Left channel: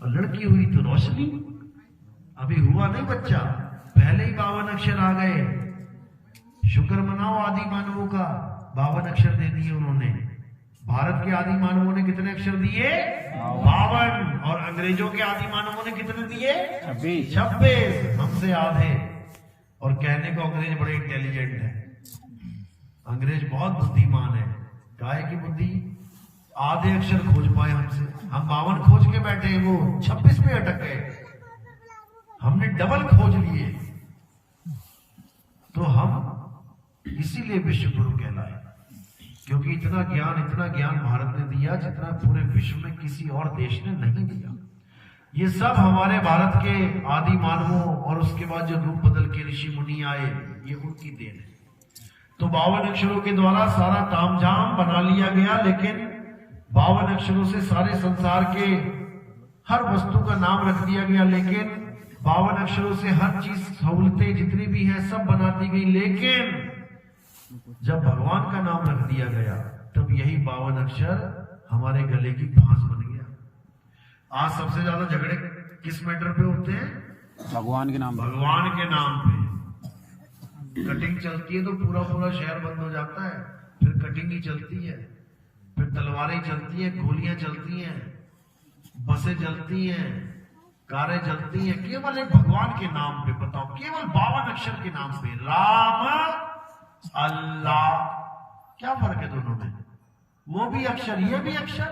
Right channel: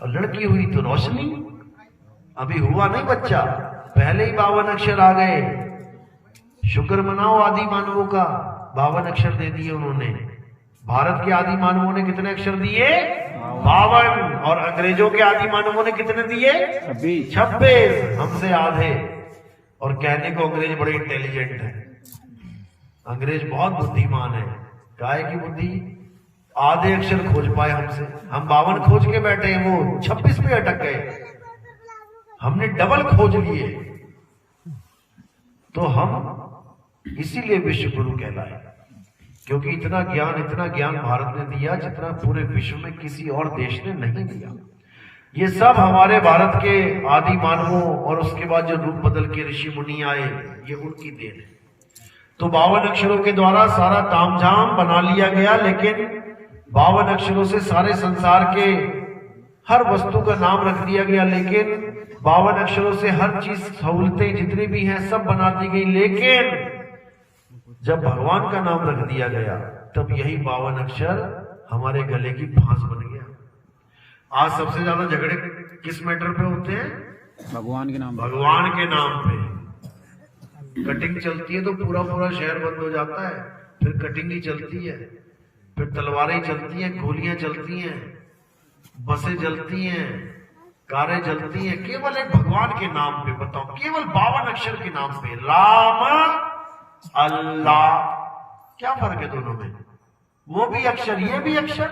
और लड़की हुई तो रोशनी। अभी हुआ नहीं बच्चा, पहले ही 52 अक्षर आ गए। शुक्र मनाओ आदि मानवों का, 52 अक्षर दे दिए उन्होंने। भारत के आदि मानवों ने कितने अक्षर दिए? 52। और अंग्रेजों के आदि मानवों ने कितने दिए? 26। हमसे आधे। और कहने को अंग्रेज बड़े इंटेलिजेंट है, अंग्रेज बहुत बुद्धिमान है। काहे की बुद्धि? आधे अक्षर खोज पाए हमसे, हम 52 खोज के बैठे हैं, वो 26 पे अटक गए। हमने डबल खोज लिए। तो हम इसीलिए विश्व गुरु कहलाए, क्योंकि इतना ज्ञान भारत ने दिया जितना पूरे विश्व में किसी और देश ने नहीं दिया। ये सब हमारे भारत के आदि मानवों और उसके बाद जो रूप बदल के ऋषि मुनि आए, ये उनकी देन है। तो 52 अक्षरों के द्वारा सारा तामझाम बना लिया गया, लेकिन 52 अक्षरों से सारे संसार के हर वस्तु का नाम रख दिया गया। लेकिन 52 अक्षरों से हर चीज, सहूलतें जितनी भी हैं सब बना दी गई। लेकिन जब भगवान का नाम रख दिया गया, तब यही 52 अक्षर हमारे गले की फांस बन गया। आज सबसे ज्यादा झगड़े किस मैटर पे होते हैं? भगवान के नाम पे। भगवान के नाम पे कटिंग चलती है तो पूरा पूरा शहर बंद हो जाता है, फिर कटिंग ही चलती है, फिर तलवारें चलती हैं, गोलियां चलती हैं, बसें जलती हैं, कारें जलती हैं, केवल एक भगवान के नाम पे। बताओ, केवल 52 अक्षर के नाम पे। राम, अल्लाह, क्या फर्क है दोनों में? वो भी अक्षर, ये भी अक्षर।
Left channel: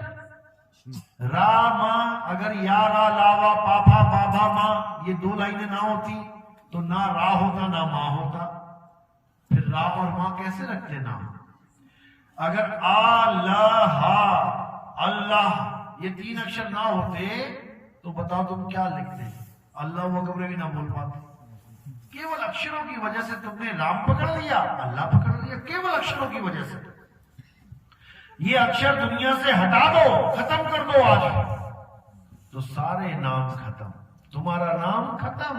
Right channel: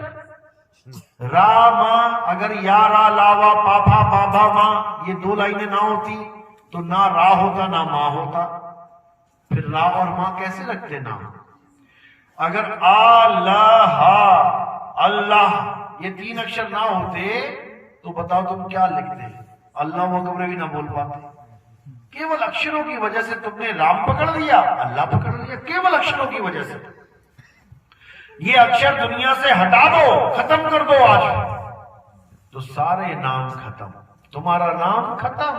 राम, अगर यारा लावा पापा बाबा माँ, ये 2 लाइनें ना होती तो ना रा होता ना माँ होता। फिर रा और माँ कैसे लगते नाम? अगर अल्लाह, अल्लाह, ये 3 अक्षर ना होते तो बताओ तुम क्या लिखते? अल्लाह अकबर भी ना बोल पाते। केवल अक्षरों की वजह से तुमने राम पकड़ लिया, अल्लाह पकड़ लिया, केवल अक्षरों की वजह से। ये अक्षर दुनिया से हटा दो, खत्म कर दो आज, तो सारे नाम खत्म। तुम्हारा नाम खत्म,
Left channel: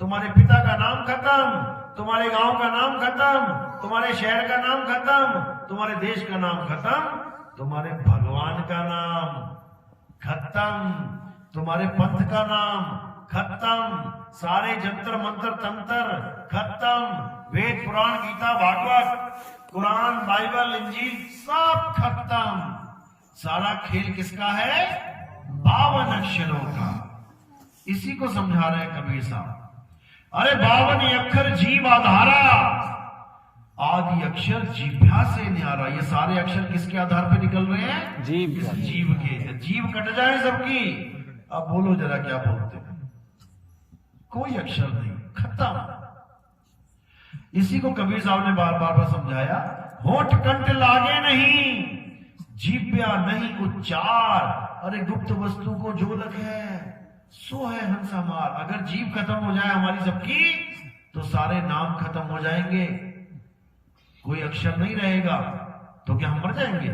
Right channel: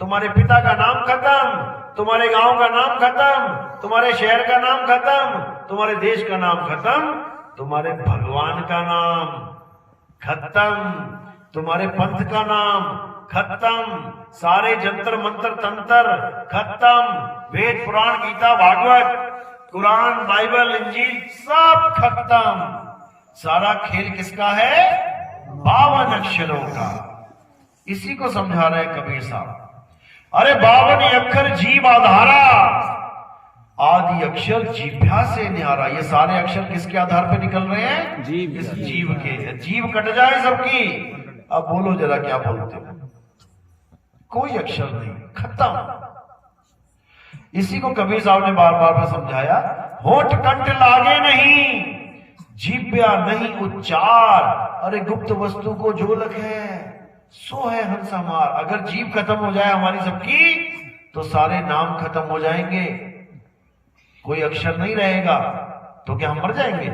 तुम्हारे पिता का नाम खत्म, तुम्हारे गांव का नाम खत्म, तुम्हारे शहर का नाम खत्म, तुम्हारे देश का नाम खत्म, तुम्हारे भगवान का नाम खत्म, तुम्हारे पंथ का नाम खत्म, सारे जंतर मंत्र तंत्र खत्म, वेद पुराण गीता भागवत कुरान बाइबल इंजील सब खत्म। सारा खेल किसका है? 52 अक्षरों का। इसी को समझा रहे कबीर साहब। अरे 52 अक्षर जीव आधारा, आदि अक्षर जीभ्या से न्यारा। ये सारे अक्षर किसके आधार पर निकल रहे हैं? जीव। इस जीव के। जीव कट जाए सबकी। अब बोलो जरा क्या बोलते हो? कोई अक्षर नहीं, खत्म। इसी को कबीर साहब ने बार बार समझाया। होठ कंठ लागे नहीं, जीभ्या नहीं उच्चार। अरे गुप्त वस्तु को जो लगे सो है हंस हमार। अगर जीभ खत्म हो जाए हमारी सबकी, तो सारे नाम खत्म हो जाएंगे, कोई अक्षर नहीं रहेगा। तो क्या हम मर जाएंगे?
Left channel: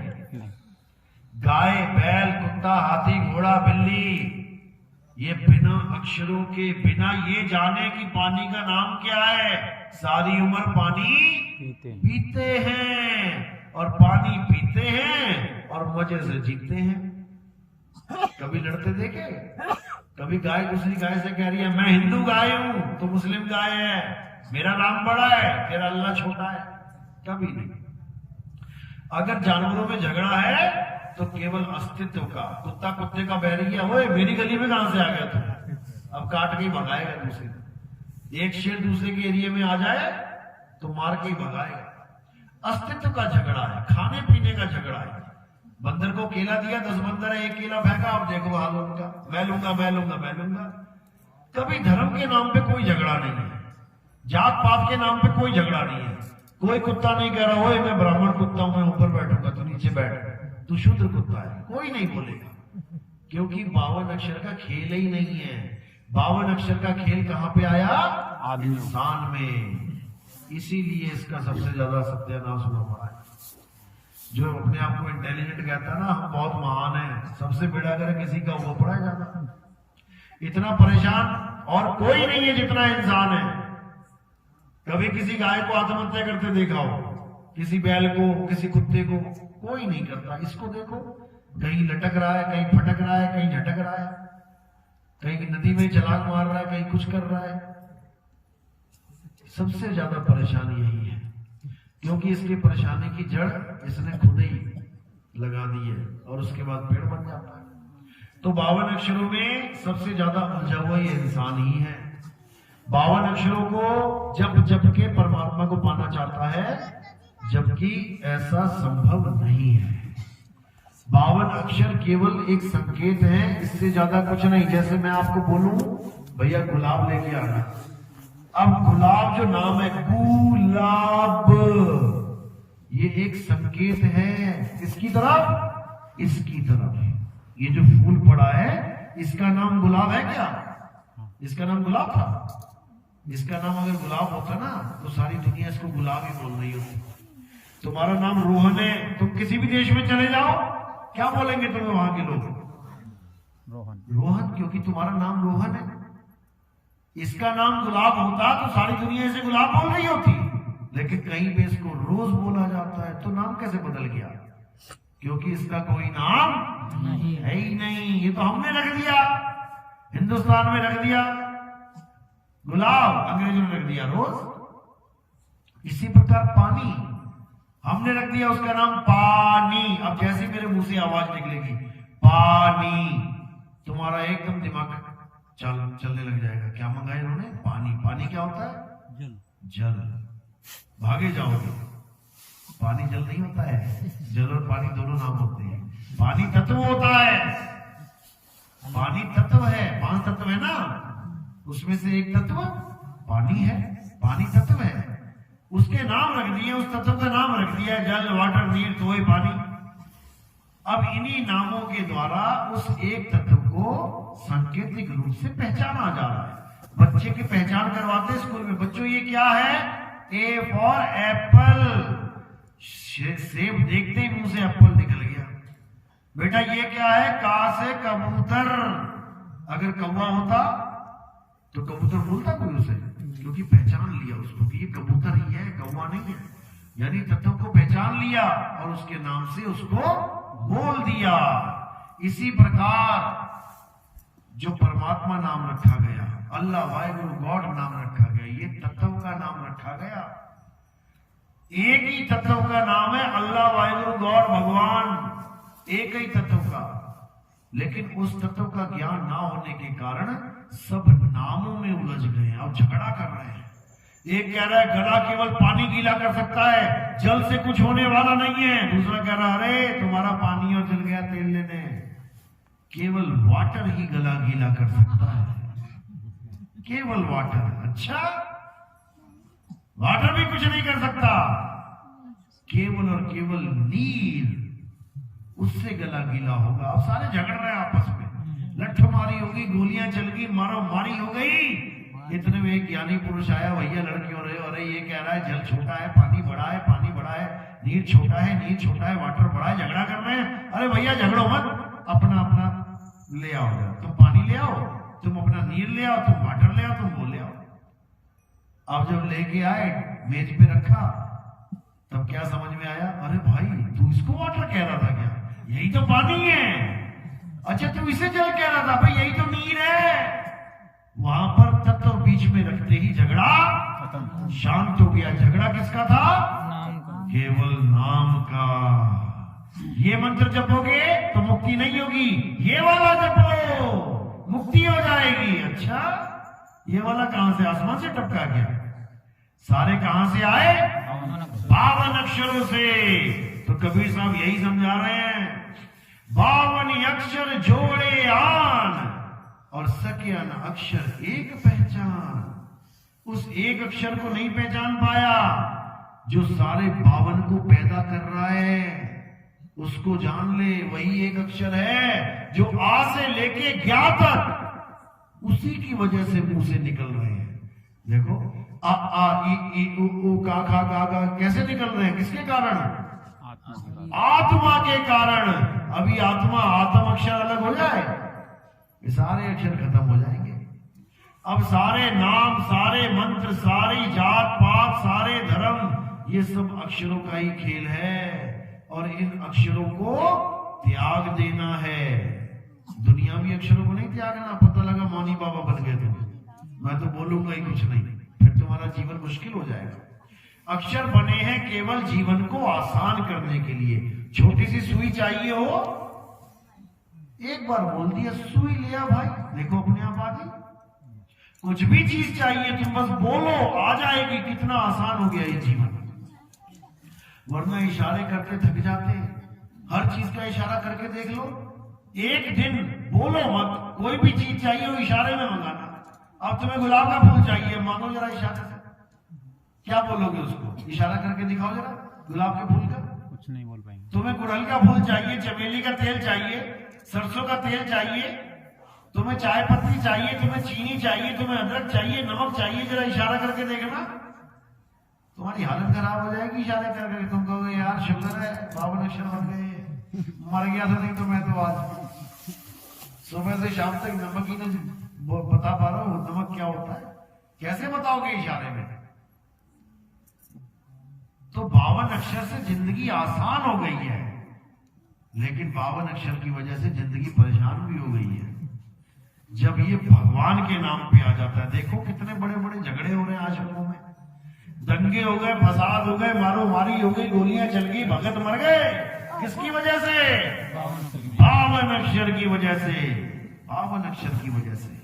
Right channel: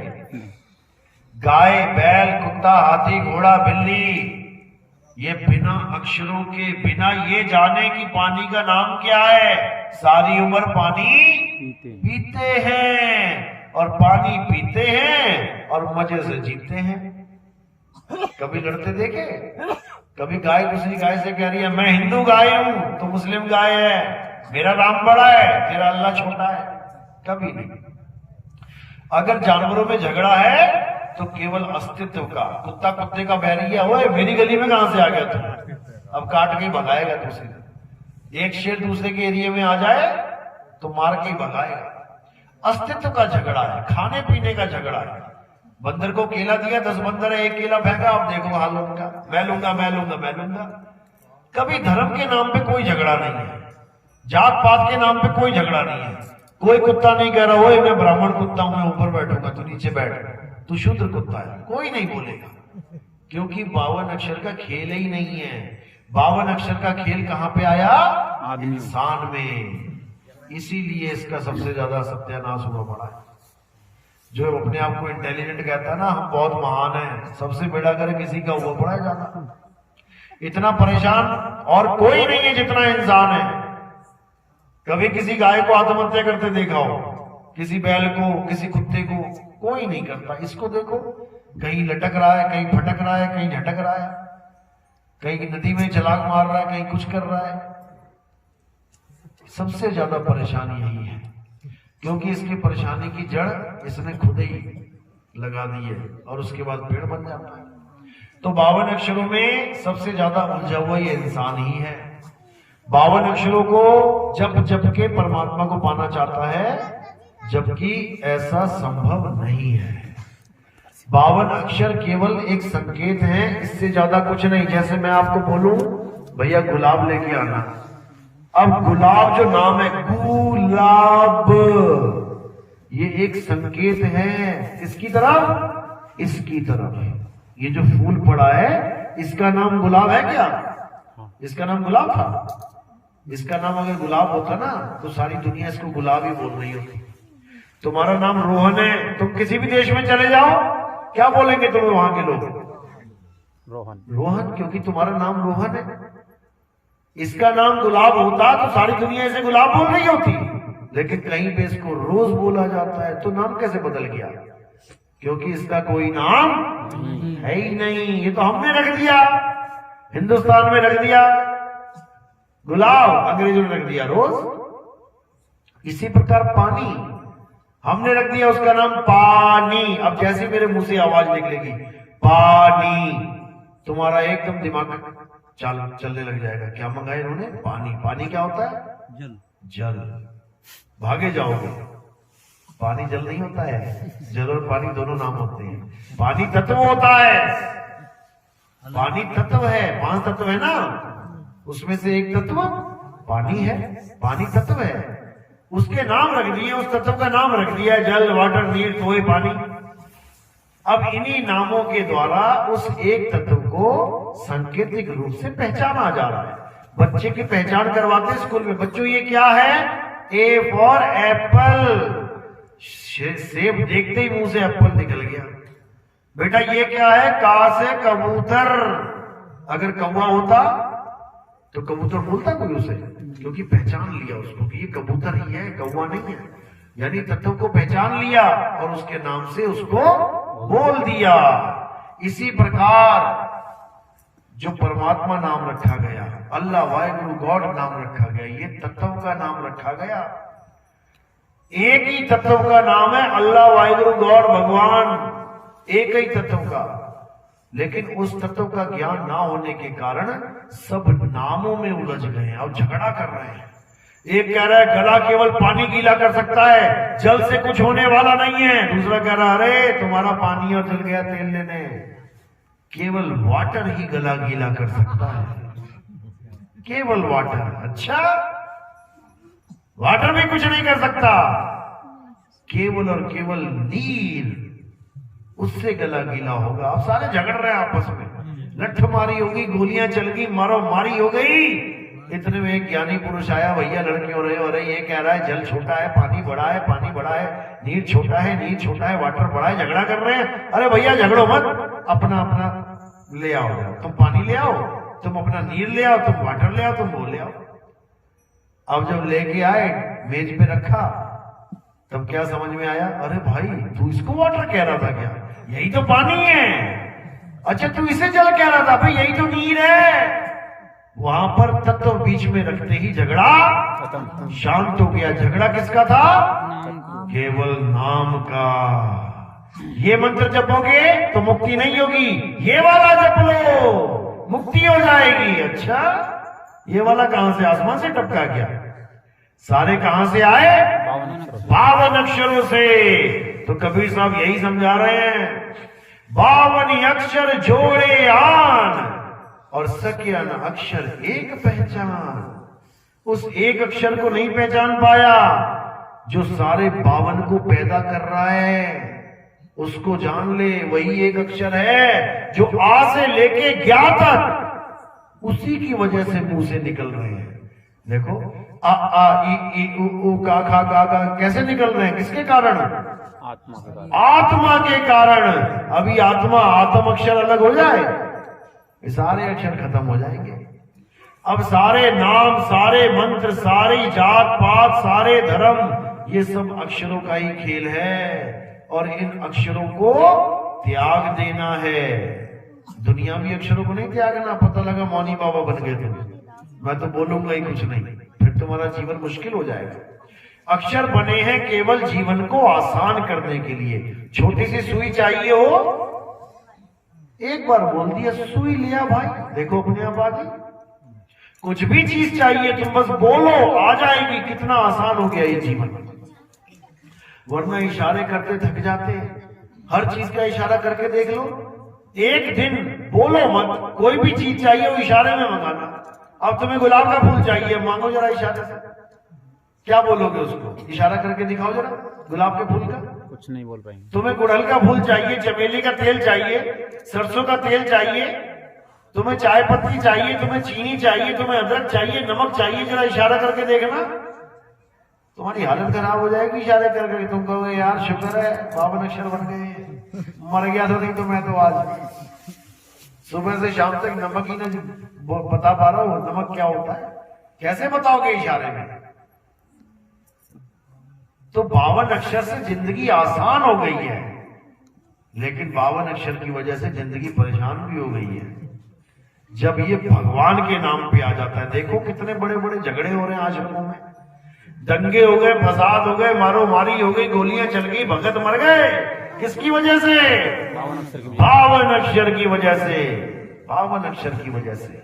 गाय बैल कुत्ता हाथी घोड़ा बिल्ली, ये बिना अक्षरों के, बिना ये जाने कि पानी का नाम क्या है, सारी उम्र पानी पीते हैं और पानी पीते हैं और मजे से जीते हैं। कभी लड़ते देखे? कभी गाय दूसरी गाय से कह रही है मैं हिंदू गाय हूं, तो मुस्लिम गाय है, मेरा राम बड़ा है तेरा अल्लाह छोटा है? कभी नहीं। अगर जानवरों में झगड़ा है तो केवल अस्तित्व का। कुत्ता कुत्ते का बैरी है, ओए मेरी गली में कहां से आ गया तुम, अब काट के ही भगाएगा दूसरे। एक शेर दूसरे के एरिया में आ जाए तो मार के ही भगाएगा। अस्तित्व का झगड़ा है, खाने पीने का झगड़ा है। बंदर को केला दिया, 10 बंदर है, एक केला फेंका, अब देखो हाल उनका, मैं लूंगा मैं लूंगा मैं लूंगा। कभी धर्म के नाम पे कोई झगड़ा नहीं है, जात पात के नाम पे कोई झगड़ा नहीं है। कोई कुत्ता नहीं कह रहा ओए मैं ब्राह्मण कुत्ता हूं, मैं ऊपर बैठूंगा तू नीचे बैठ, तू शूद्र कुत्ता है, कोई नहीं बोलेगा। क्योंकि 52 अक्षर का खेल ही नहीं है। 52 अक्षर का खेल कहां पे आया? आदमी, इंसान में। इसीलिए इसका सबसे ज्यादा सत्यानाश हुआ पड़ा है। जो अपने आप को इंटेलिजेंट कहता है ना, हम बहुत महान हैं, सबसे बेड़ा कर किसी का हुआ पड़ा है ज्यादा। इतना परेशान और कोई नहीं है जितना इंसान है। कभी किसी गाय को आत्महत्या करते देखा हो? किसी बैल को, किसी कुत्ते को? कोई नहीं करता। इसको देखो, कहीं लटक रहा है, कहीं फटक रहा है, कहीं झटक रहा है। कहीं नदी में छलांग मार रहा है, कहीं कुछ कर रहा है। सबसे ज्यादा परेशानी यही है, क्योंकि इसकी परेशानी की जड़ इसने खुद ही लगा दी है और उसके बाद पेड़ बन जाता है। तो 52 अक्षरों में सबसे ज्यादा उलझा हुआ ये इंसान ही है। 52 अक्षरों को जप के परमात्मा को पाना चाहता है, जबकि ऐसा संभव नहीं है। 52 अक्षर केवल एक संकेत है, इससे ज्यादा कुछ नहीं। जैसे मैं आपको बोलूं भैया गुलाब लेके आना, अब गुलाब जो नाम है गुलाब, ये एक संकेत है किसकी तरफ? इसकी तरफ। ये जो फूल पड़ा है इसका नाम गुलाब है क्या? इसका नाम गुलाब था? इसका नाम अगर गुलाब होता ना तो सारी दुनिया इसको गुलाब ही बोल रही होती। तुम्हारा नाम रोहन है, तुम किसी भी देश में चले जाओ, क्या बोलेंगे तुम्हें वहां के लोग? रोहन। रोहन, क्योंकि तुम्हारा नाम रोहन है। इसका नाम गुलाब होता तो सारी दुनिया इसे गुलाब बोल रही होती, लेकिन कहीं पे इसको रोज बोला जाता है। तो नाम कैसे बदल गया? क्योंकि इसका कोई नाम है ही नहीं। ये तो हमने रख दिया, हिंदुस्तान में रख दिया गुलाब, अंग्रेजों ने रख दिया रोज। इसी प्रकार पानी हमने रख दिया उसका नाम पानी। अब जैसे मेरे मुंह से आवाज निकलेगी पानी, तुम्हारा एकदम दिमाग चलने लग जाएगा। क्या मंगाया इन्होंने? पानी। पानी क्या होता है? जल। जल। भागे जाओगे। पानी जल नहीं होता है, जल और पानी दोनों नाम होते हैं। पानी तत्व होता है, पानी तत्व है, 5 तत्व है ना, उसमें से एक तत्व पानी है। पानी तत्व है, उसके नाम रख दिए, उस तत्व का नाम रख दिया है जल, वाटर, नीर, तोय, पानी। अब इन्हीं नामों के द्वारा उस एक तत्व को सांकेतिक रूप से पहचाना जा रहा है। बच्चे की पहचान करवाते हैं स्कूल में, बच्चों ये क्या है? A for Apple. सेब देखते ही मुंह से एप्पल निकल गया। बेटा ये क्या है? का से कबूतर। अगर कौवा होता तो कबूतर बोलता कोई उसे? क्योंकि पहचान लिया उसको कि ये कबूतर ही है, कौवा नहीं है। यानी तत्व को पहचान लिया और उसके नाम से उसको बोल दिया। इसी प्रकार जो परमात्मा नाम रखा गया, अल्लाह वाहिगुरु गॉड नाम रखा गया, ये तत्व का नाम रखा गया। एक ही तत्व का नाम है अल्लाह वाहिगुरु गॉड, भगवान, एक ही तत्व का। लेकिन उस तत्व का ज्ञान ना होने के कारण सब नामों में उलझ गए और झगड़ा कर रहे हैं। एक कह रहा है गला केवल पानी गीला कर सकता है, जल से कुछ होने वाला नहीं है। दूसरा कह रहा है अरे तुम्हारा पानी और जल गया तेल लेने, केवल वाटर ही गला गीला कर सकता है, केवल वाटर। अच्छा, वाटर में कुछ नहीं कर सकता, केवल और केवल नीर, उससे गला गीला होगा। अब सारे झगड़ रहे हैं आपस में, लठ मारी होगी, गोलियां चल गई, मारो मारी हो गई। इतने में एक ज्ञानी पुरुष आया, भैया लड़के हो रहे हो, अरे ये कह रहा है जल छोटा है, पानी बड़ा है, पानी बड़ा है, नीर छोटा है, नीर छोटा है, वाटर बड़ा है, झगड़ा कर रहे हैं। अरे भैया झगड़ो मत, अपना अपना ले आओ, तुम पानी ले आओ, तुम अपना नीर ले आओ, तुम वाटर ले आओ, तुम वो ले आओ। अब जब लेके आए मेज पे रखा, तब क्या समझ में आया? अरे भाई तू इसको वाटर कह रहा था क्या? यही तो पानी है। अच्छा तू इसे जल कह रहा था, भाई यही तो नीर है। वहां पर तत्व बीच में रखते ही झगड़ा शांत हो गया। झगड़ा किसका था? केवल नाम का। ये मंत्र जपोगे तो मुक्ति नहीं होगी, ये वाला जप लो मुक्ति हो जाएगी। अच्छा, ये वाला कहां से आसमान से टपका गया? सारे कहां से आए? 52 अक्षरों से। तो कबीर साहब यही समझा रहे हैं, 52 अक्षर जोड़े आन और सके न अक्षर एक पहचान। उस एक अक्षर को नहीं पहचान पाया जो सारे 52 को पैदा कर रहा है, उसको जान ले। वही एक अक्षर है जो आ से लेके ज्ञा तक उसी की वजह से मुंह से निकल रहे हैं। देखो आ आ ई उ का खा गा कैसे निकल रहे हैं? किसके कारण? आत्मा के कारण। अभी आत्मा आत्म अक्षर अलग हो जाए, सारे अक्षर खत्म हो जाएंगे। अब सारे नाम, सारे मंत्र, सारी जात पात, सारे धर्म, ये सब अक्षरों का ही खेल है और इन अक्षरों को त्याग देना है। दुनियावी अक्षरों को नहीं त्यागना। पता लगा मौनी बाबा बन गए तो मैं तो बोलूंगा ही कुछ नहीं, फिर तुम्हारा जीवन मुश्किल हो जाएगा। अक्षर बने हैं केवल जीवन को आसान करने के लिए। छोटी सी सुई चाहिए हो, एक बार बोल दिया सुई लिया भाई, देखो अपने आप आ गई। कुछ भी चीज चाहिए तुम बस बोलो, आ जाएगी। कितना आसान हो गया ये जीवन। वरना इशारे करते थक जाते हैं। हर चीज का इशारा करके देख लो। एक दिन बोलो मत, कोई भी चीज चाहिए वो इशारे में मंगाना। अब तुम्हें गुलाब का फूल चाहिए, मांगो जरा इशारे से। क्या बोलोगे उसको? इशारा करके दिखाओ जरा गुलाब के फूल का। कुछ नहीं बोल पाएंगे। तुम्हें गुड़हल का फूल चाहिए, चमेली का तेल चाहिए, सरसों का तेल चाहिए, तुम्हें चाय पत्ती चाहिए, तुम्हें चीनी चाहिए, तुम्हें अदरक चाहिए, नमक चाहिए, जरा इशारा करके देखना। तुम्हारी हालत खराब हो जाएगी इशारे करके। तुम कहोगे यार शुक्र है 52 अक्षर बन गए, मर गया था नहीं तो मैं तो आज सुबह से शाम तक नमक ही ना बता पा रहा हूं नमक क्या होता है। कैसे बताओगे इशारे में? तो 52 अक्षर से जिंदगी आसान हो गई है, लेकिन 52 अक्षर की वजह से जिंदगी परेशान भी हो गई है। जब ये भगवान के नाम पे आ जाता है, देखो कितने बड़े बड़े झगड़े हो रहे हैं आश्रमों में, दंगे हो गए, फसाद हो गए, मारो मारी हो गई, गोलियां चल गई, भगत मर गए। किसकी वजह से? 52 अक्षर की वजह से। 52 अक्षर की वजह से।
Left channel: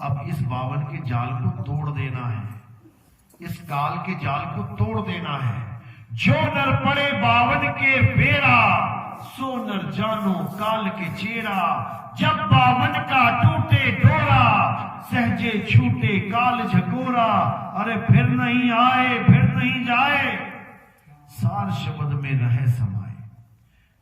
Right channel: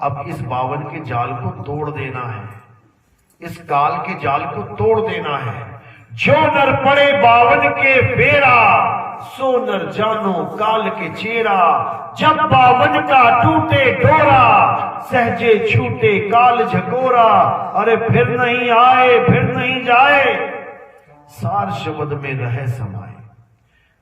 अब इस 52 के जाल को तोड़ देना है, इस काल के जाल को तोड़ देना है। जो नर पड़े 52 के बेरा, सो नर जानो काल के चेरा। जब 52 का टूटे डोरा, सहजे छूटे काल झकोरा। अरे फिर नहीं आए फिर नहीं जाए, सार शब्द में रहे समाए।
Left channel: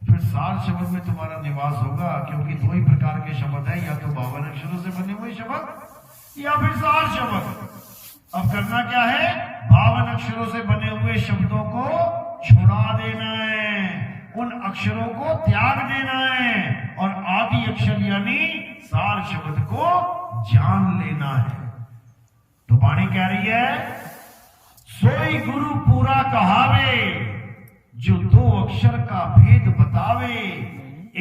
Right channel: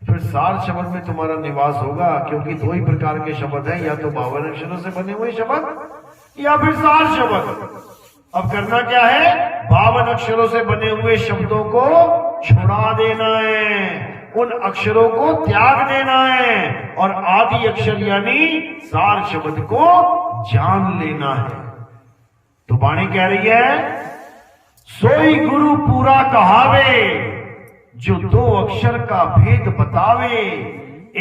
फिर सार शब्द में तुम्हारा निवास होगा, क्योंकि दो ही प्रकार के शब्द हैं, या तो 52 अक्षरों से बने हुए शब्द या फिर सार शब्द। अब करना क्या है? 52 अक्षरों से बने हुए शब्दों को छुड़ा देना है, उन अक्षरों को त्याग देना है और आदि अक्षर यानी सार शब्द को जान लेना है। तो वाणी कह रही है, सोई गुरु पूरा कहावे, जो 2 अक्षर का भेद बतावे।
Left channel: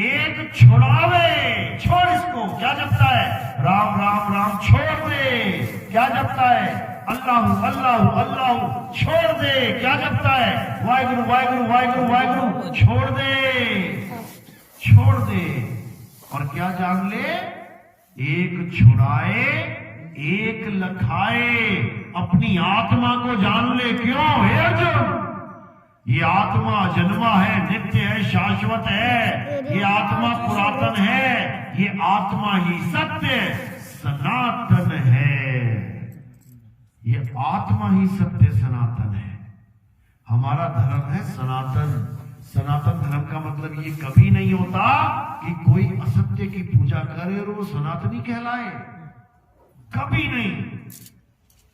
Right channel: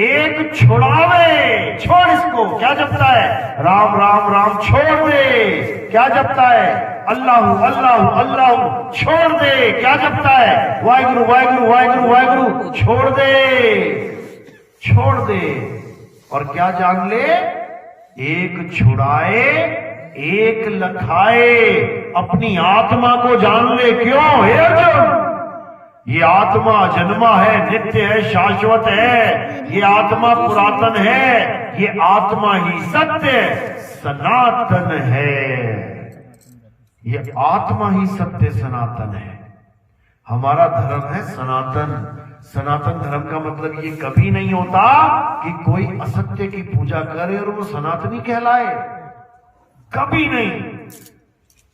एक छुड़ावे, छोड़ इसको, क्या जपता है? राम राम राम, छोड़ दे, क्या जपता है? अल्लाह अल्लाह अल्लाह, छोड़ दे, क्या जपता है? वाहिगुरु वाहिगुरु वाहिगुरु वाहिगुरु, छोड़ दे, छोड़ दे। और क्या जान ले? एक छुड़ाए एक लखाए। अपनी आत्मा को जान ले। क्यों? हे अर्जुन, ये आत्मा जन्मा है, नित्य है, शाश्वत है। ये आत्मा पुरातन है, ये आत्मा ही सत्य सनातन है। ये आत्मा ही सत्य सनातन है। हमारा धर्म है सनातन। सनातन धर्म का मतलब ये कभी नहीं होता कि कोई असत्य की पूजा करे और वो सनातनी कहलाए, कभी नहीं।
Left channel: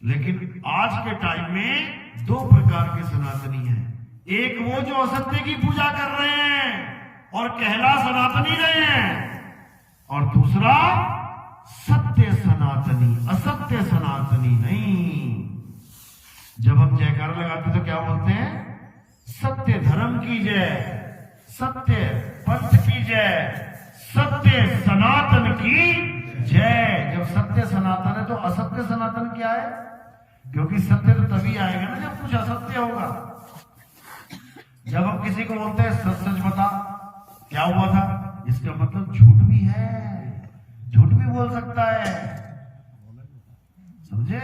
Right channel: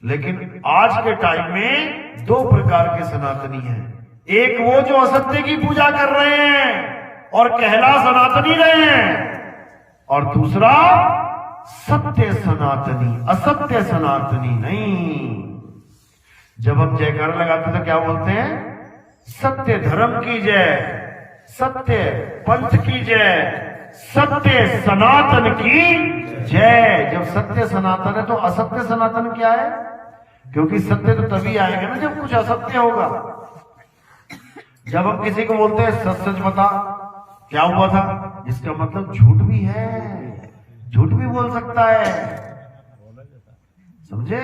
लेकिन आज के टाइम में 2 प्रकार के सनातनी हैं। एक वो जो असत्य की पूजा कर रहे हैं और कहला सनातनी रहे हैं, और दूसरा सत्य सनातनी, असत्य सनातनी नहीं। जब हम जयकारा लगाते तो क्या बोलते हैं? सत्य धर्म की जय, सत्य पंथ की जय, सत्य सनातन की जय। जब सत्य सनातन है तो असत्य सनातन क्या है? क्योंकि सत्य तो तभी आएगा ना जब कुछ असत्य होगा। जब हम किसी को बोलते हैं सच सच बता क्या हुआ था, इसका मतलब झूठ भी है, झूठ भी बोल सकता है, समझे?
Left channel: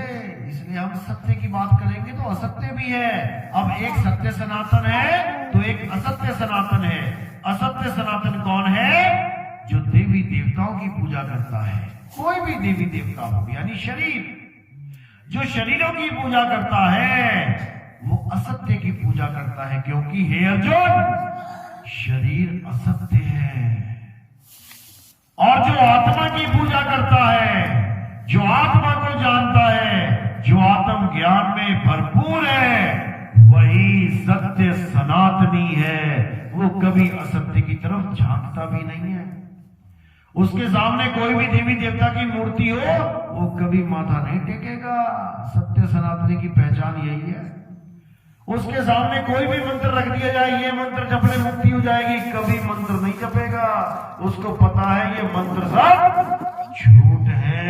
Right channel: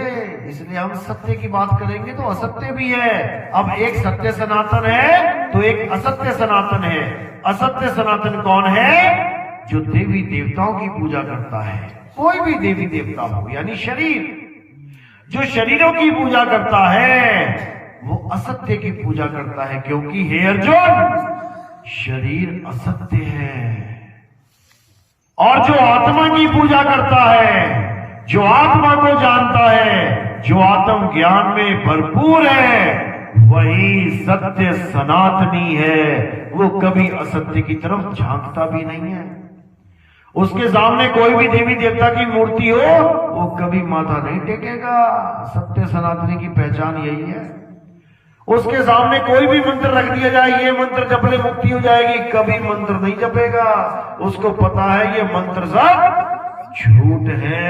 इसलिए हम सत्य की बात करेंगे तो असत्य भी है। अब एक सत्य सनातन है तो एक असत्य सनातन है। असत्य सनातन कौन है? जो देवी देवताओं की पूजा करता है, कोई भी देवी देवता हो, यानी शरीर। जो शरीरों की पूजा करता है वो असत्य की पूजा करता है, क्योंकि हे अर्जुन, शरीर असत्य है। और जो आत्मा की पूजा करता है, जो आत्मा को जानता है, जो आत्म ज्ञान में भरपूर है, वही सत्य सनातनी है। वो कभी असत्य की तरफ झांकता भी नहीं है। उसके सामने कोई भी देवी देवता की मूर्ति हो, वो कभी माथा नहीं टेकेगा। सत्य सनातनी की पहचान यही है। उसके सामने कोई भी मंत्र रख दिया जाए, ये मंत्र जपने मुक्ति हो जाएगी, कभी मंत्र नहीं जपेगा। उसको पता है ये मंत्र सब झूठ है,